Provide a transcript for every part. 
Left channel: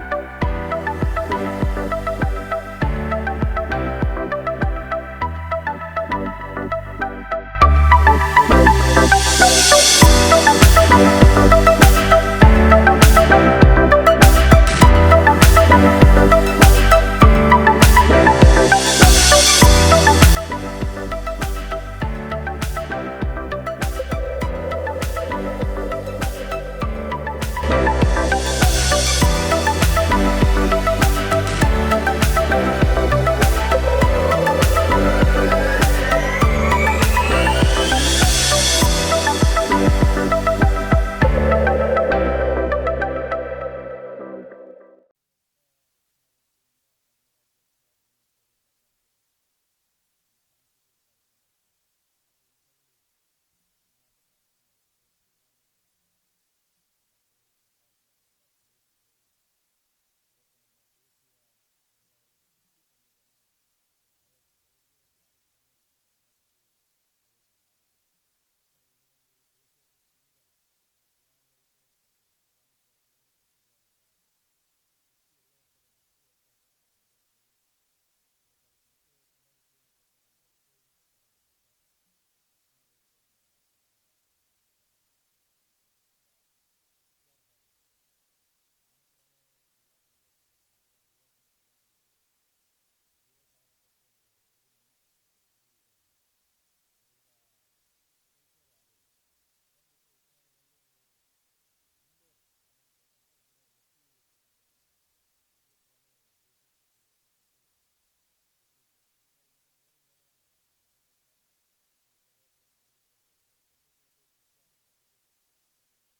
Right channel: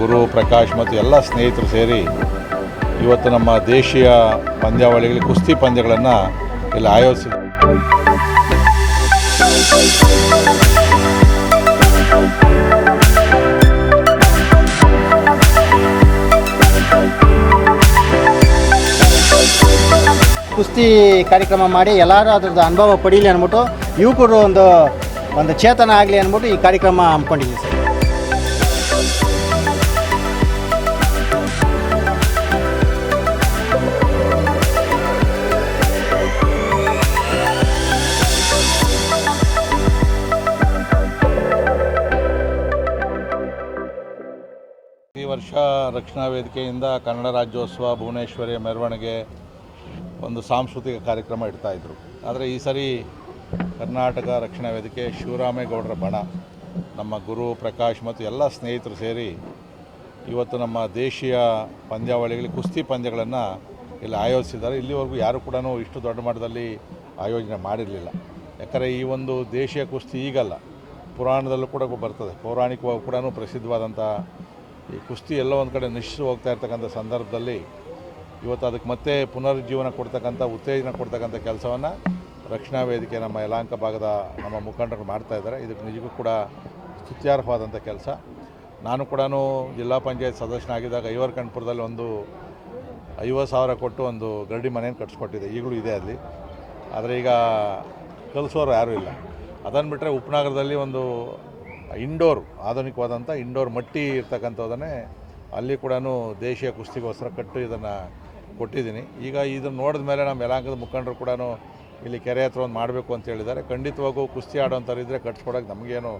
ಗುರು ಪ್ರಕಾಶ್ ಮತ್ತು ಎಲ್ಲ ಸ್ನೇಹಿತರು ಸೇರಿ ಇವತ್ತು ನಮ್ಮ ದೇಶೀಯ ಪಂದ್ಯಾವಳಿಗಳಿಗೆ ಕುಸ್ತಿ ಪಂದ್ಯಗಳನ್ನು ಇಲ್ಲಿ ಆಯೋಜಿಸಿದ್ದಾರೆ. ಕುಸ್ತಿ ಕಾರ್ಯಕ್ರಮ ಮಾಡಿ ಎಲ್ಲರೂ ಅದರದ್ದು ಅನುಭವ ಪಡೀಲಿ ಅಂದ್ಬಿಟ್ಟು ಯುವಕರು ಒಂದು ಚೇತನ ಆಗಲಿ ಅಂದ್ಬಿಟ್ಟು ಈ ಕಾರ್ಯಕ್ರಮ ಹಮ್ಮಿಕೊಂಡಿದ್ದೀವಿ ಸರ್. ಈ ವರ್ಷ ರಕ್ಷಣಾ ವೇದಿಕೆಯಿಂದ ಕನ್ನಡ ರಾಜ್ಯೋತ್ಸವ ಭುವನೇಶ್ವರಿಯ ಮೆರವಣಿಗೆ ಒಂದು ಸಾಂಸ್ಕೃತಿಕ ಕಾರ್ಯಕ್ರಮ ಇಡ್ತಾಯಿದ್ರು. ಆದರೆ ಈ ಸರಿ ಕರ್ನಾಟಕ ರಕ್ಷಣಾ ವೇದಿಕೆ ಶಿವರಾಮೇಗೌಡರ ಬಣ, ನಮ್ಮ ಗುರು ಪ್ರಕಾಶ್ ಮತ್ತು ಎಲ್ಲ ಸ್ನೇಹಿತರು ಸೇರಿ ಇವತ್ತು ನಮ್ಮ ದೇಶೀಯ ಪಂದ್ಯಾವಳಿಗಳಿಗೆ ಕುಸ್ತಿ ಪಂದ್ಯಗಳನ್ನು ಇಲ್ಲಿ ಆಯೋಜಿಸಿದ್ದಾರೆ. ಇಲ್ಲಿವರೆಗೂ ಯಾರು ಕೂಡ ಇಷ್ಟು ದೊಡ್ಡ ಮಟ್ಟದಲ್ಲಿ ಆಯೋಜನೆ ಮಾಡಿರಲಿಲ್ಲ. ಯಾಕಂದರೆ ಈ ಒಂದು ದೇಶೀಯ ಕುಸ್ತಿ ಈಗಲ್ಲ, ಪುರಾಣದಲ್ಲೂ ಕೂಡ ಬರ್ತದೆ. ಪೌರಾಣಿಕವಾಗಿ ಕೂಡ ಪ್ರಸಿದ್ಧವಾದಂಥ ಈ ಕುಸ್ತಿ ಎಲ್ಲೋ ಒಂದು ಕಡೆ ನಶಿಸಿ ಹೋಗ್ತಾ ಇರ್ತಕ್ಕಂಥ ಸಂದರ್ಭದಲ್ಲಿ ಇವತ್ತು ಅದಕ್ಕೆ ಮತ್ತೆ ಪುನರುಜ್ಜೀವನ ಕೊಡ್ತಕ್ಕಂಥ, ಉತ್ತೇಜನ ಕೊಡ್ತಕ್ಕಂಥ ಕೆಲಸವನ್ನು ರಕ್ಷಣಾ ವೇದಿಕೆ ನಮ್ಮ ಯಲಹಂಕ ಭಾಗದ ನಮ್ಮ ಮುಖಂಡರು ಮಾಡ್ತಾಯಿದ್ದಾರೆ. ಇದಕ್ಕೆ ನಿಜಕ್ಕೂ ಕೂಡ ಸ್ತುತ್ಯಾರ್ಹವಾದಂಥ ಕೆಲಸ. ನಾನು ಕೂಡ ಜಿಲ್ಲಾ ಪಂಚಾಯತ್ ಸದಸ್ಯನಾಗಿದ್ದಾಗ ಐವರ್ಕಂಠಪುರದಲ್ಲಿ ಒಂದು 50,000 ಕೊಟ್ಟು ಒಂದು ಗರಡಿ ಮನೆಯನ್ನು ಕಟ್ಸ್ಕೊಟ್ಟಿದೆ, ಈಗಲೂ ಇದೆ ಅಲ್ಲಿ. ಆದರೆ ಈಗ ಕಲಿಸೋರು ಯಾರೂ ಇಲ್ಲ. ಅದನ್ನು ಬಿಟ್ಟರೆ ಉಪನಗರದಲ್ಲಿ ಒಂದು ಆಧುನಿಕವಾದಂಥ ಇಂಡೋರ್ ಮಟ್ಟಿ ಇರ್ತಕ್ಕಂಥದ್ದನ್ನೇ ಅಲ್ಲಿ ಕೂಡ ದೇಶೀಯ ಕುಸ್ತಿಗೋಸ್ಕರ ಕಟ್ಟು ಇದನ್ನು ಕೊಟ್ಟಿದ್ದೀನಿ. ಈಗ ಇದನ್ನು ನೋಡಿದ ಮೇಲೆ ನಮ್ಮ ಯಲಹಂಕದ ಮುಖಂಡರು ಕೂಡ ಇಲ್ಲಿ ಕೆರೆ ಹತ್ರ ಒಂದು ಮಾಡಬೇಕು ಅಂತ ಹೇಳಿದ್ದಾರೆ. ಖಂಡಿತವಾಗೂ ಕುಸ್ತಿ ಆಡೋಂಥವ್ರು ಇದ್ದರೆ ಕಟ್ಸ್ಕೊಡೋಕ್ಕೆ ನಮಗೇನು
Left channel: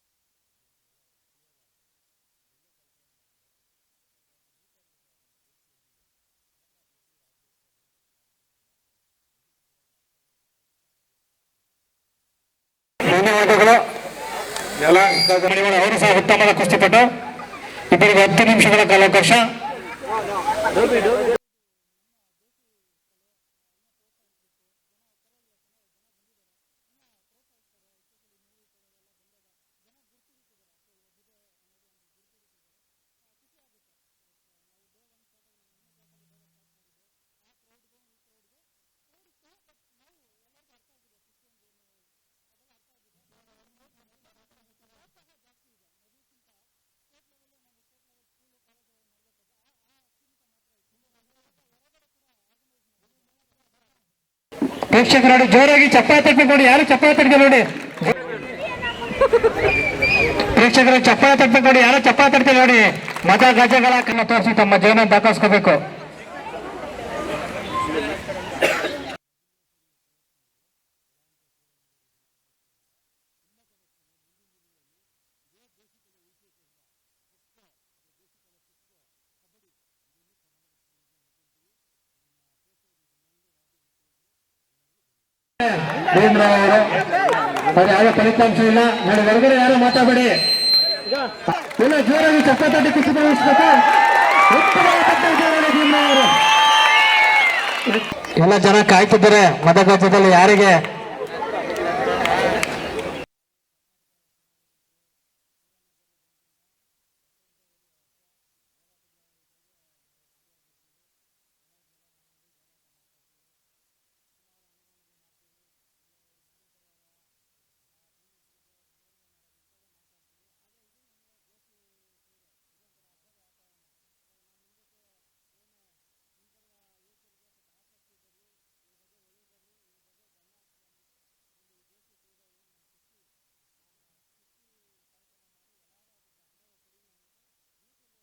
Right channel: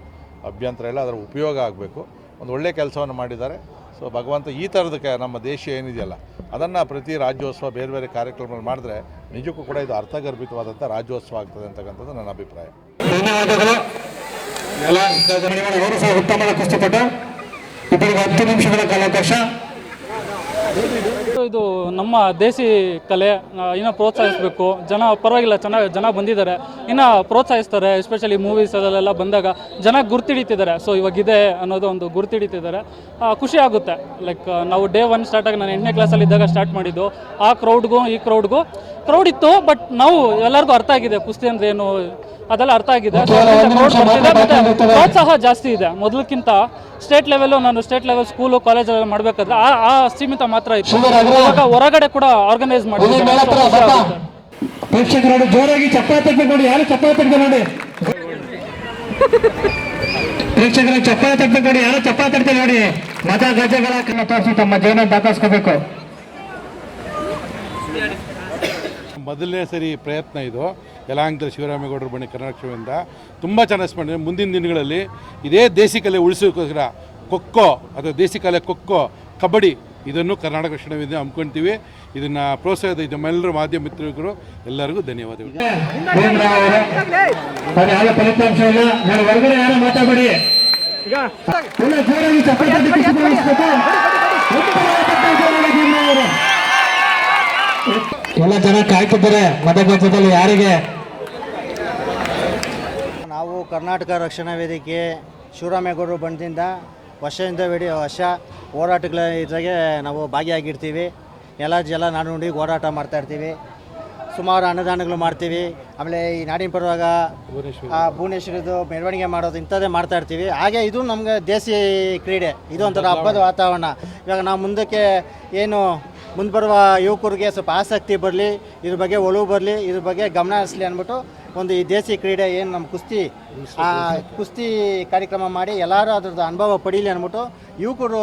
ಅಭ್ಯಂತರ ಇಲ್ಲ. ಅದರ ಉಪಯೋಗ ಆಗಬೇಕು. ಒಂದು ಒಳ್ಳೆಯ ಕೆಲಸವನ್ನು ಮಾಡಿದ್ದಾರೆ. ಸೊ ಭಗವಂತ ಈ ಥರದಕ್ಕೆ ನಮ್ಮ ದೇಶ ಏನಿದೆಯಲ್ಲ ಅದನ್ನು ಪ್ರತಿ ರಾಜ್ಯೋತ್ಸವ ಬೇರೆ ಬೇರೆ ಕಾರ್ಯಕ್ರಮಗಳು ಮಾಡಿದ್ರೆ ನಿಜಕ್ಕೂ ಕೂಡ ಇದು ಅರ್ಥಗರ್ಭಿತವಾದಂಥ ರಾಜ್ಯೋತ್ಸವ ಆಗ್ತದೆ ಅಂತಕ್ಕಂಥದ್ದು ನನ್ನ ಅಭಿಪ್ರಾಯ. ಧನ್ಯವಾದಗಳು. ಅವರು ಸಹ ಉತ್ತಮ ಕುಸ್ತಿಪಟು. ಇಬ್ಬರಿಗೆ 10 ನಿಮಿಷಗಳ ಕಾಲಾವಕಾಶ. ಇದು ನಮ್ಮ ದೇಸಿ ಕಲೆ ಇನ್ನೂ ಪ್ರೋತ್ಸಾಹಿಸಬೇಕು. ಜನ ಪರವಾಗಿಲ್ಲ, ಚೆನ್ನಾಗಿ ಜನ ಬಂದಿದ್ದಾರೆ, ಇನ್ನೂ ಪ್ರೋತ್ಸಾಹಿಸ್ತಾರೆ. ಎಸ್ಪೆಷಲಿ ಮೂವೀಸ್ ಅದೆಲ್ಲ ಬಂದಾಗ ಜನ ಗುರ್ತಿಡಿತಿದ್ದಾರೆ. ಸೊ ಇವಾಗಿದೆ ಅನ್ನೋದು ಒಂದು ಗುರ್ತಿಡಿತಿದ್ದಾರೆ. ಖುಷಿ ಆಗುತ್ತೆ. ಲೈಕ್ ನಾವು ಡೇ 1 ಸ್ಟಾರ್ಟ್ ಆಗಿ ನಾನು 8ನೇ ಕ್ಲಾಸಲ್ಲಿ ಇದ್ದಾಗ ಸ್ಟಾರ್ಟ್ ಮಾಡಿದ್ದು. ಆ ಕ್ರೌಡ್ಗೂ ಈ ಕ್ರೌಡ್ ಇತ್ತು, ಬಟ್ ನಾವು ಎಲ್ಲರಿಗೂ ಅರ್ಥ ಆಗಿದೆ ಕುಸ್ತಿ ಅಂದರೆ ಏನು ಅದೆಲ್ಲ ಅರ್ಥ ಆಗಿದೆ. ಮತ್ತು ಪ್ರೋತ್ಸಾಹ ಜಾಸ್ತಿ ಇದೆ ಮೊದಲಕ್ಕಿಂತ. ಸ್ಟೇಟ್ ಲೆವೆಲ್ ಸ್ಕೂಲು ಕಾಲೇಜಲ್ಲೆಲ್ಲ ಮಾಡಬೇಕಾದ್ರೆ ಆ ಸೀಮಿತ ಮಾತ್ರ ಇತ್ತು. ಇವಾಗ ಹೊರಗಡೆ ಕೂಡ ಆರ್ಗನೈಸ್ ಮಾಡಿದ್ದಾರೆ. ಪ್ರೇಕ್ಷಕರು ಜೋರಾಗಿ ಚಪ್ಪಾಳೆ ತಟ್ಟಬೇಕು. ಯಾರು ಚಪ್ಪಾಳೆ ತಟ್ಟಬೇಕು ನೋಡಿ. ಪ್ರೇಕ್ಷಕರು ಚಪ್ಪಾಳೆ ತಟ್ಟಬೇಕು ನೋಡಿ. ಯಾರು ಚಪ್ಪಾಳೆ ತಟ್ಟಬೇಕು ನೋಡಿ. ಮತ ಗಜಗಳ ಕನ್ನ ತೋರಿಸಿ ತಮ್ಮ ಜೀವನ ದಾಖಲಿಸ್ಕೋಬೇಕು. ಮೊದಲನೇ ಸರಿ ಪ್ರಯತ್ನ ಇದು. ಯಲಹಂಕದ ಶಿವರಾಮೇಗೌಡರ ಬಣಿ ಕರ್ನಾಟಕದಿಂದ ತುಂಬ ಚೆನ್ನಾಗಿ ಮಾಡಿದೆ. ಮುಂದಿನ ದಿನಗಳಲ್ಲಿ ಇದೇ ದೇಸಿ ಕಲೆ ಉಳಿಸೋಕ್ಕೋಸ್ಕರ ಖೋಖೋ ಅಥವಾ ದೇಸಿ ಕಲೆ ಖೋಖೋ, ಕಬಡ್ಡಿ ಇದನ್ನು ಕರ್ನಾಟಕ ರಕ್ಷಣಾ ವೇದಿಕೆ ಹಮ್ಮಿಕೊಳ್ತೀವಿ. ಇದನ್ನು ಪ್ರೋತ್ಸಾಹದ ನಮ್ಮೆಲ್ಲರೂ ಮಾಧ್ಯಮ ಮಿತ್ರರು ಎಲ್ಲರಿಗೂ ಧನ್ಯವಾದಗಳು. ಫಲಿತಾಂಶ ಇಲ್ಲ, ನಾನು ಹೊರಗಡೆ ಯಾರು ಮಾತಾಡಬೇಡಿ. ಜೋರಾಗಿ ಎಲ್ಲ ಜನ ಕಾಯ್ತಿದ್ದಾರೆ ಮತಗಟ್ಟೆಯಲ್ಲಿ ಯಾರಿಗೆ. ನಾವು ಕರ್ನಾಟಕ ರಕ್ಷಣಾ ವೇದಿಕೆ ಶಿವರಾಮೇಗೌಡರು ಬಣದಿಂದ ವರ್ಷ ಹೋರಾಟಗಳ ಇದ್ರಾಗೆ ನಾವು ಭಾಗಿಯಾಗಿರ್ತೀವಿ. ಎಲ್ಲ ನಾಡು ನುಡಿ ಹೋರಾಟ ಮಾಡ್ತಾಯಿರ್ತೀವಿ. ಸುಮಾರು ಅನ್ನದಾನಗಳು ಮಾಡ್ತೀವಿ. ಆಮೇಲೆ ಈ ನಾಡಿನ ಪರವಾಗ ಭುವನೇಶ್ವರದ್ದು ಮೆರವಣಿಗೆ ಮಾಡೋದು ಇಂಥದ್ದೇ ಮಾಡ್ತಾಯಿರ್ತೀವಿ. ಹಾಗೆ ಇದು ನಮಗೆ ದೇಸಿ ಕ್ರೀಡೆ, ಇದು ಒಂಥರ ಹಬ್ಬದ ವಾತಾವರಣ. ಇವಾಗ ನಾವು ಮುಂದಕ್ಕೆ ಏನು ಮುಂದೆ ಬರುವ ಯುವಕರಿಗೆ ಸ್ವಲ್ಪ ಆಸಕ್ತಿ ಬರಲಿ, ಇದ್ರ ಬಗ್ಗೆ ಒಲವು ಬರಲಿ, ಇದ್ರ ಬಗ್ಗೆ ಗಮನ ಹರಿಸಲಿ ಅಂದ್ಬಿಟ್ಟು ಒಂದು ಈ ದೇಸಿ ಕ್ರೀಡೆ ಏನು ನಮ್ಮ ಕುಸ್ತಿ ಕಾರ್ಯಕ್ರಮ ಮಾಡಿ ಎಲ್ಲರೂ ಅದರದ್ದು ಅನುಭವ ಪಡೀಲಿ ಅಂದ್ಬಿಟ್ಟು ಯುವಕರು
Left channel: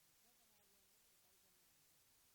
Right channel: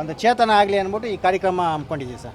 ಒಂದು ಚೇತನ ಆಗಲಿ ಅಂದ್ಬಿಟ್ಟು ಈ ಕಾರ್ಯಕ್ರಮ ಹಮ್ಮಿಕೊಂಡಿದ್ದೀವಿ ಸರ್.